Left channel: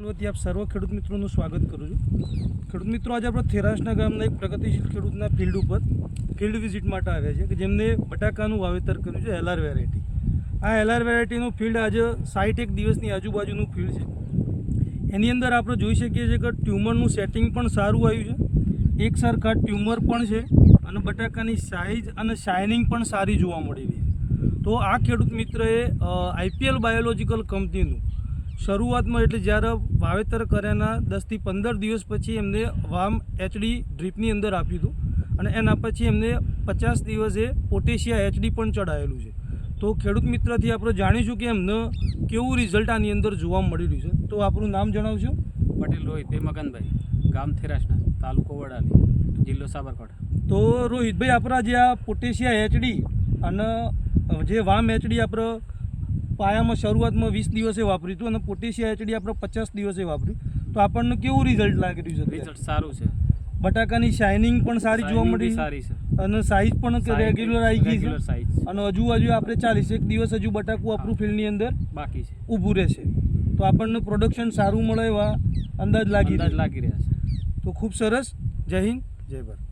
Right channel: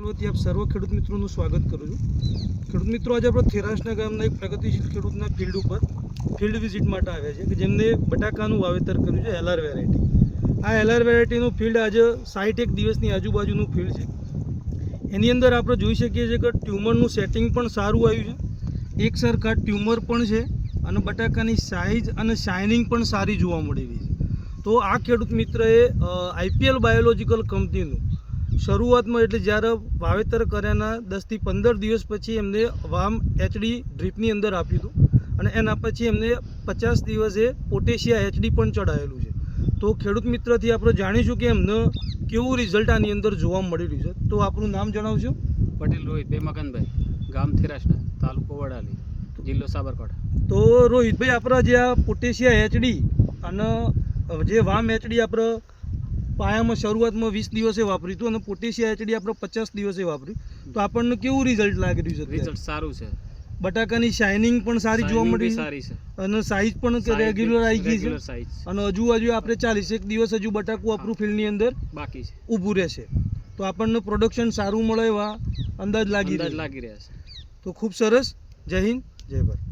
વતી આપ સર્વ ખેડૂત મિત્રોનું સ્વાગત કરું છું। ખેડૂત મિત્રો, આજે આપણે થેરાસના ગામના એક પ્રગતિશીલ ખેડૂતના ફિલ્ડ ઉપર ફિલ્ડ વિઝિટ માટે આવ્યા છે કે જેમને બટાકાનું વાવેતર કર્યું છે એલઆર વેરાયટી। આ એલઆર વેરાયટીનું ફિલ્ડ આજે 61 દિવસની આજુબાજુનું ફિલ્ડ છે। એની અંદર આપણે જોઈ શકીએ છીએ કે ટ્યુમરનું સેટિંગ પણ સારું આવ્યું છે, એક સરખા ટ્યુમર પણ છે અને બટાકાની સાઇઝ અને શાઇનિંગ પણ સારી જોવા મળી રહી છે। તો આ ખેડૂત મિત્રએ આઈપીએલ બાયોલોજિકલ કંપનીનું શરૂઆતમાં એટલે જ્યારે વાવેતર કર્યાના 10 થી 15 દિવસ પછી એમને વામ એચડી ડ્રીપની અંદર આપ્યું હતું અને એના પછી એમને 50 દિવસે પોટેશિયા એચડી પણ ચડાવેલું છે। તો ખેડૂત મિત્રથી આપણે જાણીશું કે એમને કેવું રિઝલ્ટ આની અંદર જોવા મળી રહ્યું છે। તો આપણું નામ જણાવજો। પટેલ રોહિતભાઈ મગનભાઈ, ગામ થેરાસના, તાલુકો વડાલી, જિલ્લો સાબરકાંઠા। તો રોહિતભાઈ, આપણા જે આ પોટેશિયા એચડી અને જે વામ એચડી આપણે પાયામાં શરૂઆતમાં 20 દિવસે વાપર્યું હતું અને પોટેશિયા એચડી આપણે 50 દિવસે વાપર્યું, તો આપણને કેવું રિઝલ્ટ લાગી રહ્યું છે? રિઝલ્ટ સારું છે, બટાકાની શાઇનિંગ પણ સારી જોવા મળી સારી છે અને સાઇઝ પણ રેગ્યુલર આવી ગઈ છે સાઈઝ અને હજુ આપણે 41 દિવસ હજુ બટાકું આપણું ફિલ્ડની અંદર બાકી છે, ઊભું રહેશે, તો આપણને પ્રોડક્શન સારું મળે એવા અંદાજ લાગી રહ્યા છે। તો ખૂબ સરસ। જય હિન્દ, જય ભારત।